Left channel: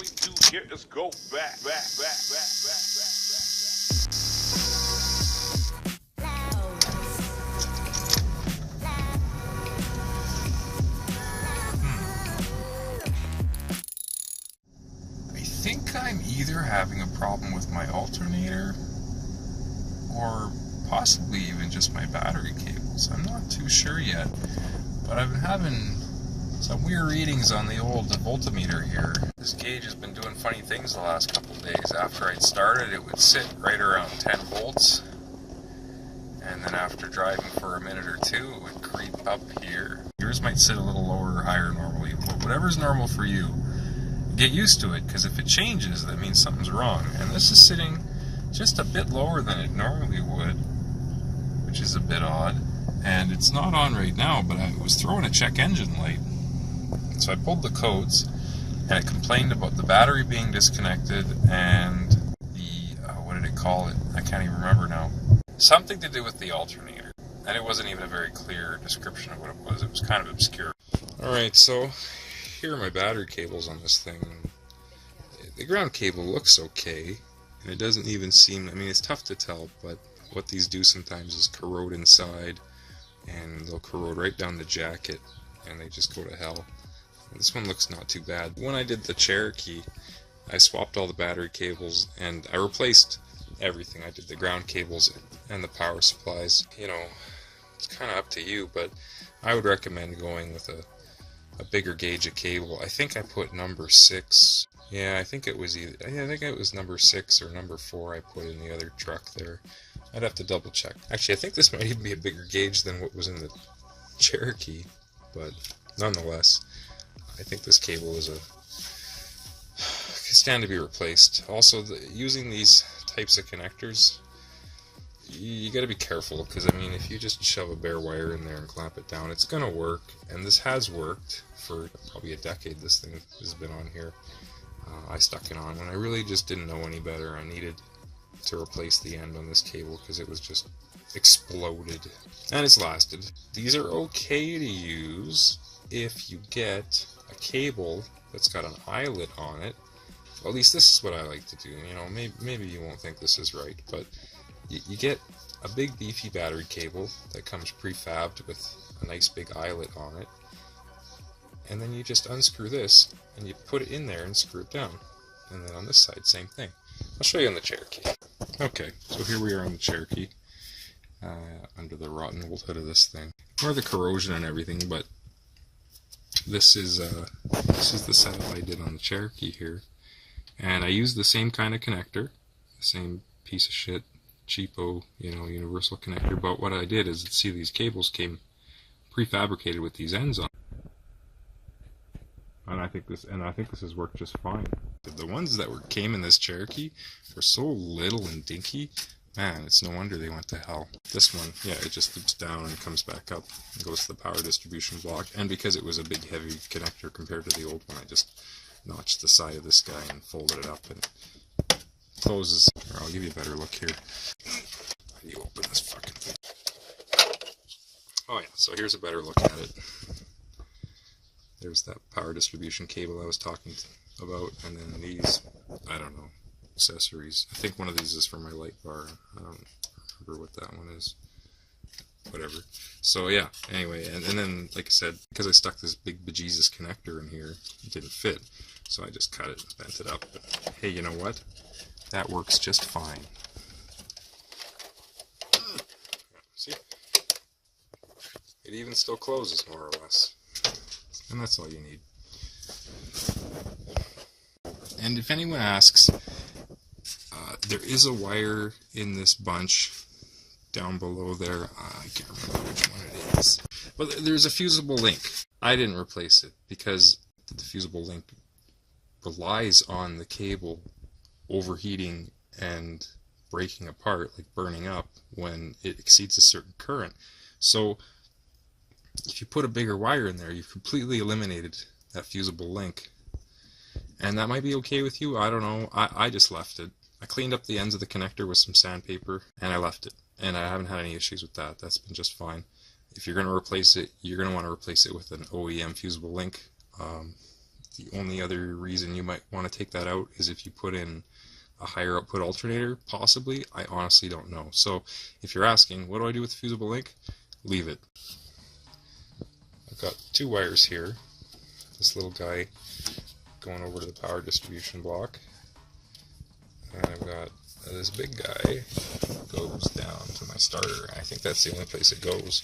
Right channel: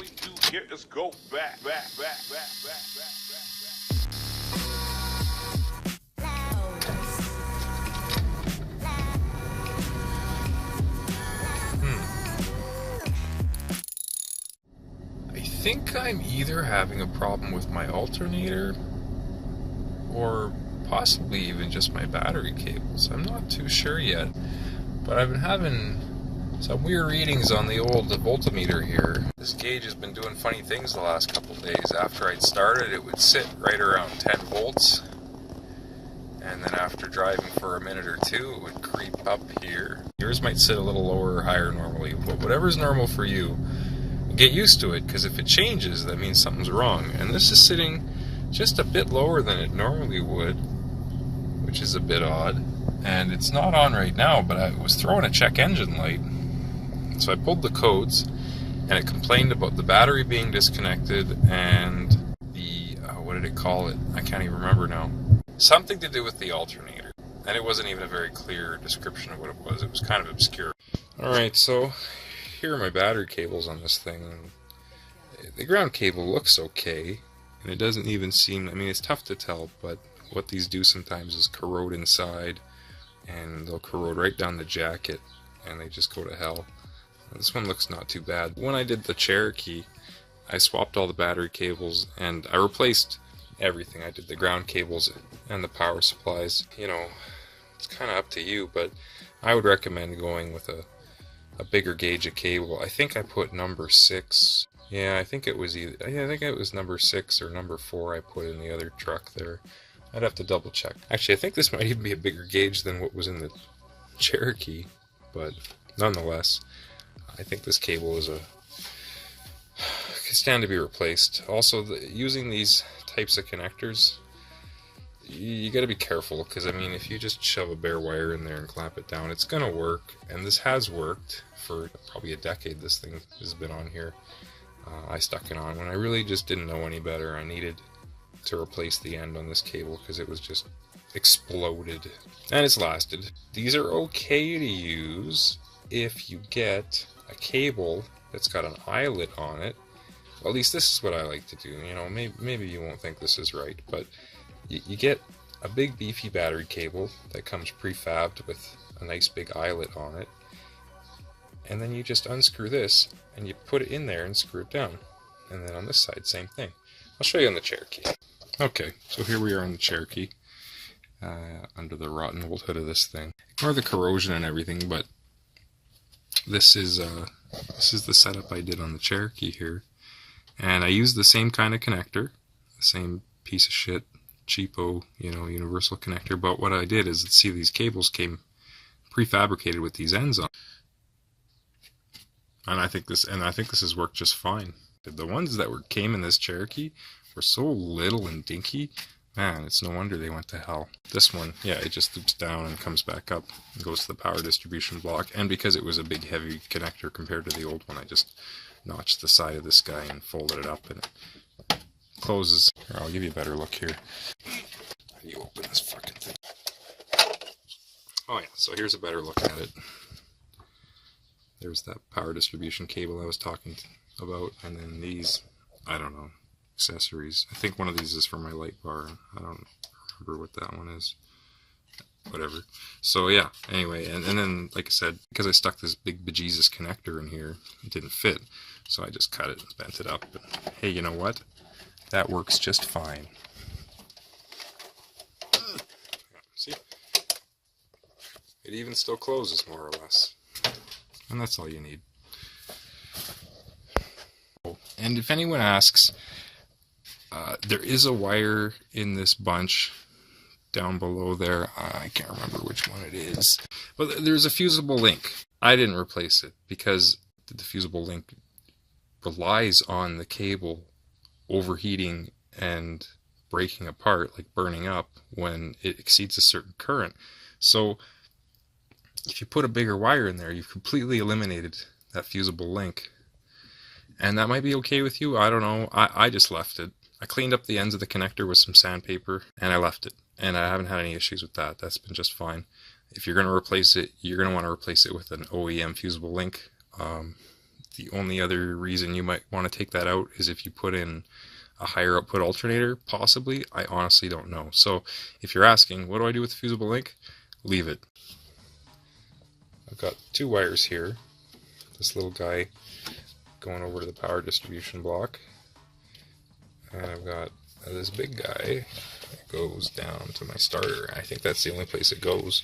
we do here is go back. I think I'm either having a problem with my alternator or possibly even just my battery cables. I'm not too sure yet, but I've been having some weird readings on the old voltmeter here. This gauge has been doing funny things the last couple of days. After I'd started, it would sit right around 10 volts, and then after driving for a minute or two, it would creep up here. Yours might sit a little lower or higher normally, but whatever's normal for you, get used to it, because if it changes, that means something's wrong. And this is sitting just a bit lower than it normally would, which is a bit odd. And it's not on right now, but I was throwing a check engine light. So I pulled the codes, and it complained about the battery being disconnected and the, what did it call it? I can't even remember now. Something to do with the alternator. And it wasn't even a very clear description of what it was. It was kind of obscure. Alright, so here are my battery cables on this thing. The ground cable looks okay, and it doesn't even seem, I mean, it's tough to tell, but what these do sometimes is corrode inside, and they'll corrode right down the jacket, and they just go to hell. This one looks not too bad. When I did the Cherokee, I swapped all the battery cables, and I replaced everything. I did the ground cables and the power supplies. You know, it's kind of up to you, but I would recommend going with a bigger gauge of cable. I think I put number 6. Yeah, I think it was number 6 or number 4 I put in the other truck there. I'd have to double check. Actually, I think this might even be a bigger gauge than what was in the Cherokee, but nonetheless, I think this cable is can stand to be replaced. Also, using these types of connectors, you got to be careful, because I mean, if you just shove a bare wire in there and clamp it down, it's gonna work, and this has worked for probably a decade. This thing has been on here. I stuck it on when I really just didn't know any better. I needed to replace the end on this cable because it was just exploded, and it's lasted. These are okay to use if you get a cable that's got an eyelet on it. Well, at least this is what I like to do. You know, maybe you won't think this is right, but you get a big beefy battery cable that comes prefabbed with a nice big eyelet on it, and then you just unscrew this and you put it in there and screw it down. And then on this side, same thing. I'll show you on the Cherokee. Okay, so here we are on the Cherokee, under the rotten old hood of this thing. Ignore the corrosion and everything, but this is the setup I did on the Cherokee here. And I used the same kind of connector, the same piece of shit, cheapo, you know, universal connector. But what I did is, see, these cables came prefabricated with these ends on, and I think this has worked just fine. The ones that came in this Cherokee were so little and dinky, man, it's no wonder they went to hell. This one, yeah, it just loops down and comes back up and goes to the power distribution block. And because it was a big heavy connector compared to the old one, I just notched the side of this guy and folded it up, and it closes. Here, I'll give you a better look here. How do you open this fucking thing? Oh yeah, so here's a better look at it. There's that power distribution cable I was talking about, and then these, I don't know, accessories. I think one of these is for my light bar. I don't remember what that one is. Whatever. So yeah, anyway, and then, like I said, because I stuck this big bejesus connector in here, it didn't fit. So I just cut it and bent it up. But hey, you know what? That works just fine. See? It even still closes, more or less. And that's all you need. And if anyone asks, there is a wire in this bunch down below there. I can't remember which one it is. But there's a fusible link. I didn't replace it because the fusible link relies on the cable overheating and breaking apart, like burning up, when it exceeds a certain current. So if you put a bigger wire in there, you've completely eliminated that fusible link. And that might be okay with you, I don't know. I just left it. I cleaned up the ends of the connector with some sandpaper, and I left it. And I haven't had any issues with that. That's been just fine. If you're going to replace it, you're going to want to replace it with an OEM fusible link. The only other reason you might want to take that out is if you put in a higher output alternator, possibly. I honestly don't know. So if you're asking, what do I do with the fusible link? Leave it. I've got two wires here. This little guy going over to the power distribution block. And I've got this big guy goes down to my starter. I think that's the only place it goes.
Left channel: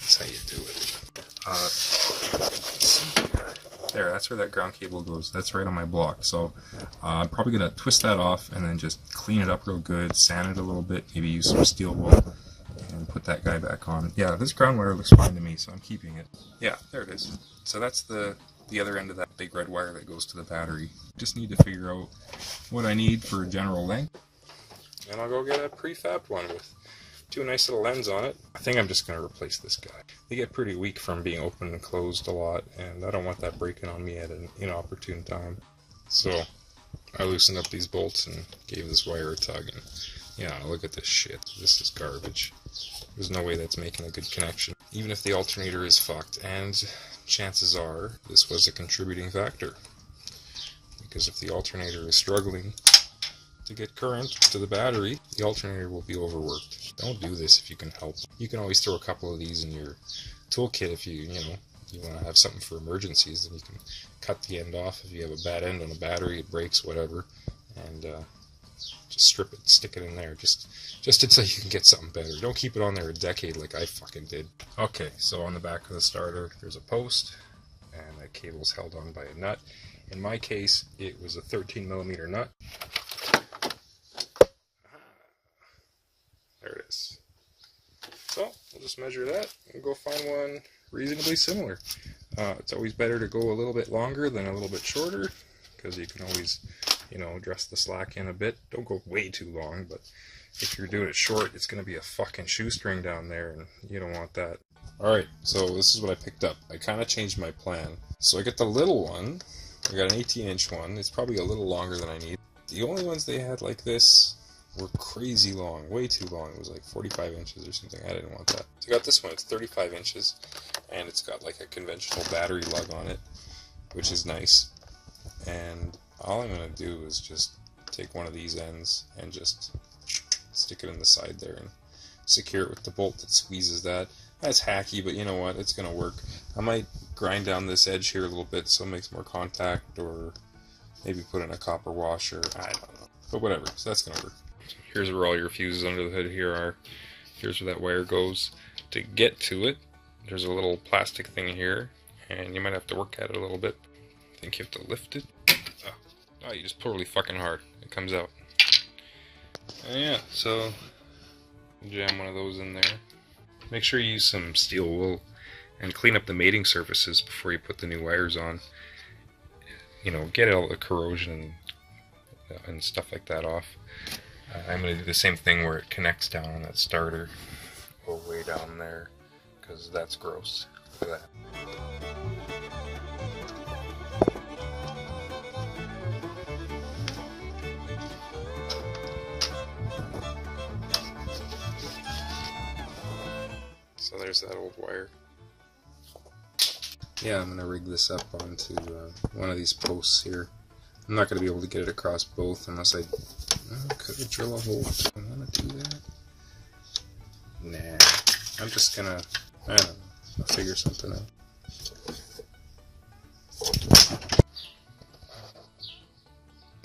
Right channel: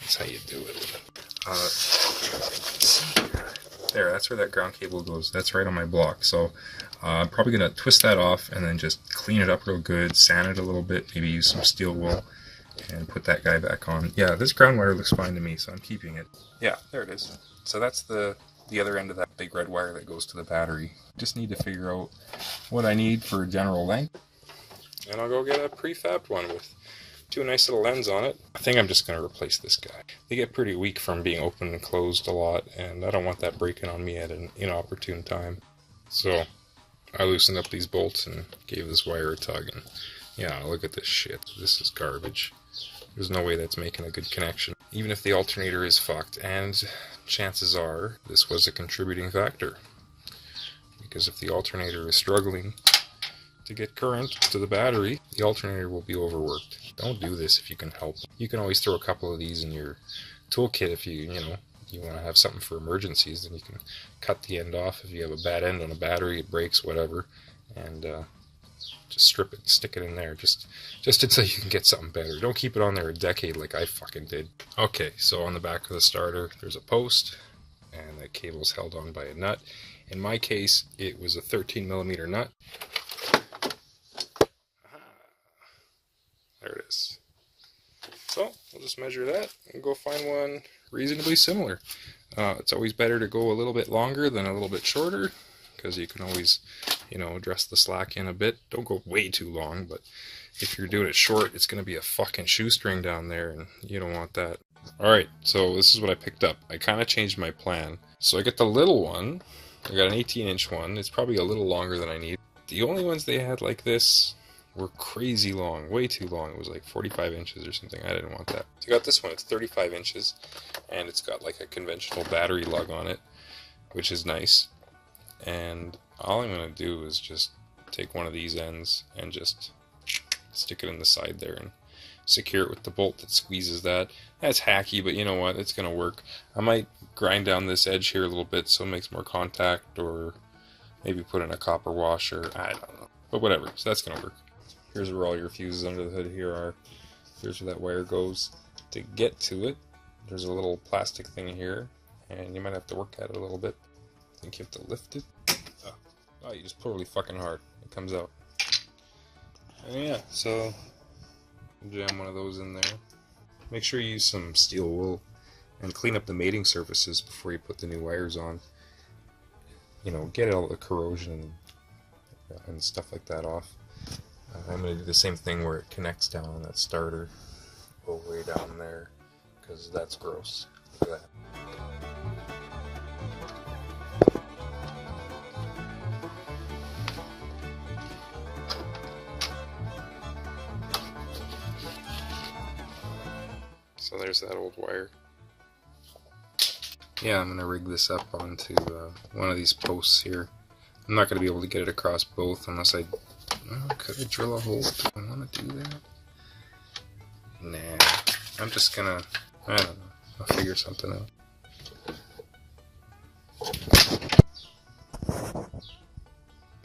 That's how you do it. There, that's where that ground cable goes. That's right on my block. So I'm probably going to twist that off and then just clean it up real good, sand it a little bit, maybe use some steel wool, and put that guy back on. Yeah, this ground wire looks fine to me, so I'm keeping it. Yeah, there it is. So that's the other end of that big red wire that goes to the battery. Just need to figure out what I need for general length. And I'll go get a prefabbed one with two nice little ends on it. I think I'm just going to replace this guy. They get pretty weak from being open and closed a lot, and I don't want that breaking on me at an inopportune time. So I loosened up these bolts and gave this wire a tug, and yeah, look at this shit. This is garbage. There's no way that's making a good connection. Even if the alternator is fucked, and chances are this was a contributing factor. Because if the alternator is struggling to get current to the battery, the alternator will be overworked. Don't do this if you can help. You can always throw a couple of these in your toolkit if you want to have something for emergencies. Then you can cut the end off if you have a bad end on a battery, it breaks, whatever, and just strip it, stick it in there, just until you can get something better. Don't keep it on there a decade like I fucking did. Okay, so on the back of the starter, there's a post, and that cable's held on by a nut. In my case, it was a 13mm nut. There it is. So, we'll just measure that and go find one reasonably similar. It's always better to go a little bit longer than a little bit shorter, because you can always, dress the slack in a bit. Don't go way too long, but if you're doing it short, it's going to be a fucking shoestring down there, and you don't want that. Alright, so this is what I picked up. I kind of changed my plan. So I get the little one. I got an 18-inch one. It's probably a little longer than I need. The only ones they had like this were crazy long, way too long. It was like 45 inches or something. I didn't want that. So I got this one. It's 35 inches, and it's got like a conventional battery lug on it, which is nice. And all I'm going to do is just take one of these ends and just stick it in the side there and secure it with the bolt that squeezes that. That's hacky, but you know what? It's going to work. I might grind down this edge here a little bit so it makes more contact, or maybe put in a copper washer. I don't know. But whatever. So that's going to work. Here's where all your fuses under the hood here are. Here's where that wire goes. To get to it, there's a little plastic thing here, and you might have to work at it a little bit. I think you have to lift it. Oh, you just pull really fucking hard. It comes out. And yeah, so jam one of those in there. Make sure you use some steel wool and clean up the mating surfaces before you put the new wires on. Get all the corrosion and stuff like that off. I'm going to do the same thing where it connects down on that starter, go way down there, because that's gross. Look at that. So there's that old wire. Yeah, I'm going to rig this up onto one of these posts here. I'm not going to be able to get it across both unless I... could I drill a hole? Do I want to do that? Nah. I'm just going to... I don't know. I'll figure something out.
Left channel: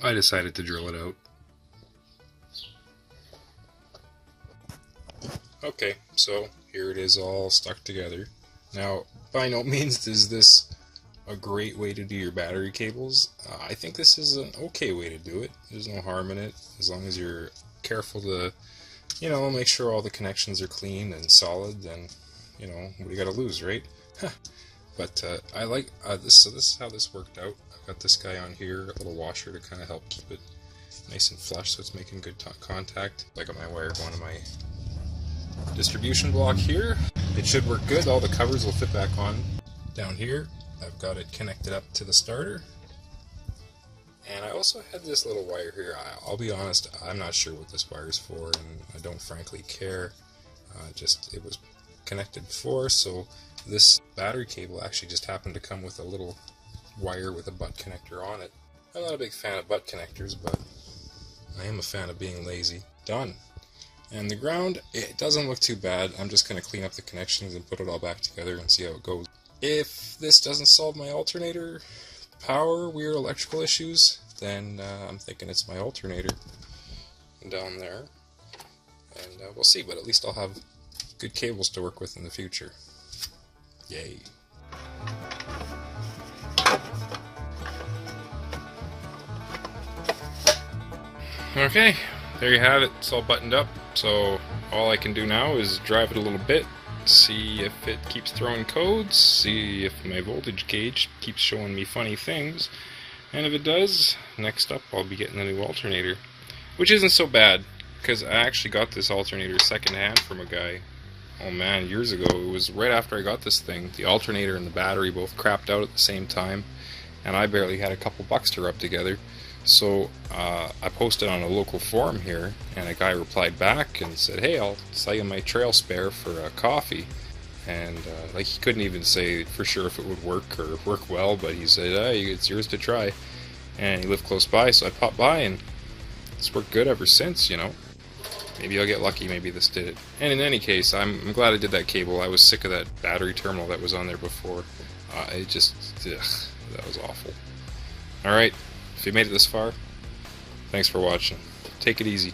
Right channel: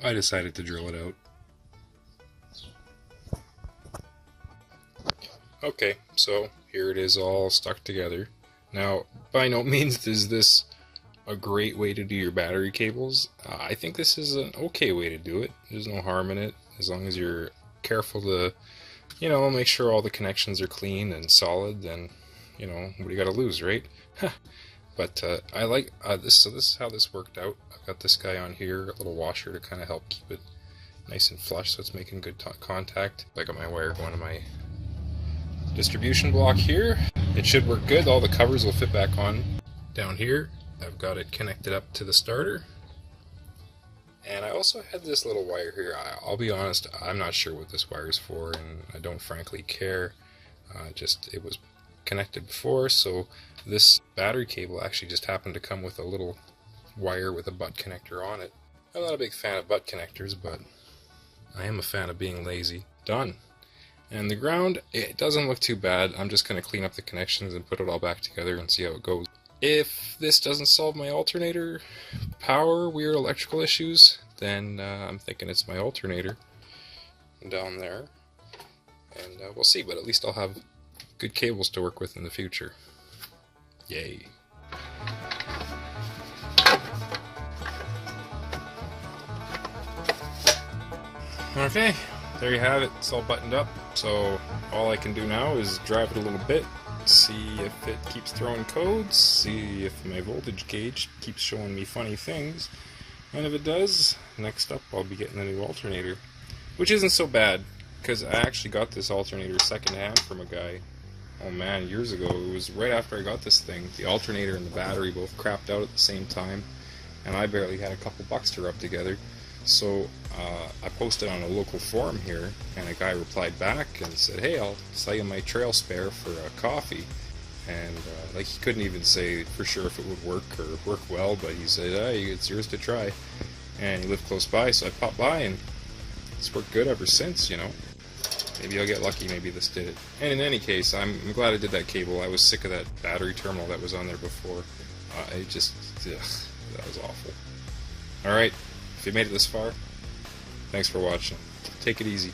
I decided to drill it out. Okay, so here it is all stuck together. Now, by no means is this a great way to do your battery cables. I think this is an okay way to do it. There's no harm in it, as long as you're careful to, make sure all the connections are clean and solid, then, what do you got to lose, right? But I like this, so this is how this worked out. I've got this guy on here, a little washer to kind of help keep it nice and flush so it's making good contact. I got my wire going to my distribution block here. It should work good. All the covers will fit back on. Down here, I've got it connected up to the starter. And I also had this little wire here. I'll be honest, I'm not sure what this wire is for, and I don't frankly care. It was connected before, so this battery cable actually just happened to come with a little wire with a butt connector on it. I'm not a big fan of butt connectors, but I am a fan of being lazy. Done. And the ground, it doesn't look too bad. I'm just going to clean up the connections and put it all back together and see how it goes. If this doesn't solve my alternator power weird electrical issues, then I'm thinking it's my alternator down there. And we'll see, but at least I'll have good cables to work with in the future. Yay. Okay, there you have it. It's all buttoned up, so all I can do now is drive it a little bit, see if it keeps throwing codes, see if my voltage gauge keeps showing me funny things, and if it does, next up I'll be getting a new alternator, which isn't so bad, because I actually got this alternator secondhand from a guy, oh man, years ago. It was right after I got this thing. The alternator and the battery both crapped out at the same time, and I barely had a couple bucks to rub together. So I posted on a local forum here, and a guy replied back and said, hey, I'll sell you my trail spare for a coffee. And like, he couldn't even say for sure if it would work or work well, but he said, hey, it's yours to try. And he lived close by, so I popped by, and it's worked good ever since, you know. Maybe I'll get lucky, maybe this did it. And in any case, I'm glad I did that cable. I was sick of that battery terminal that was on there before. It just, ugh, that was awful. Alright. If you made it this far, thanks for watching. Take it easy.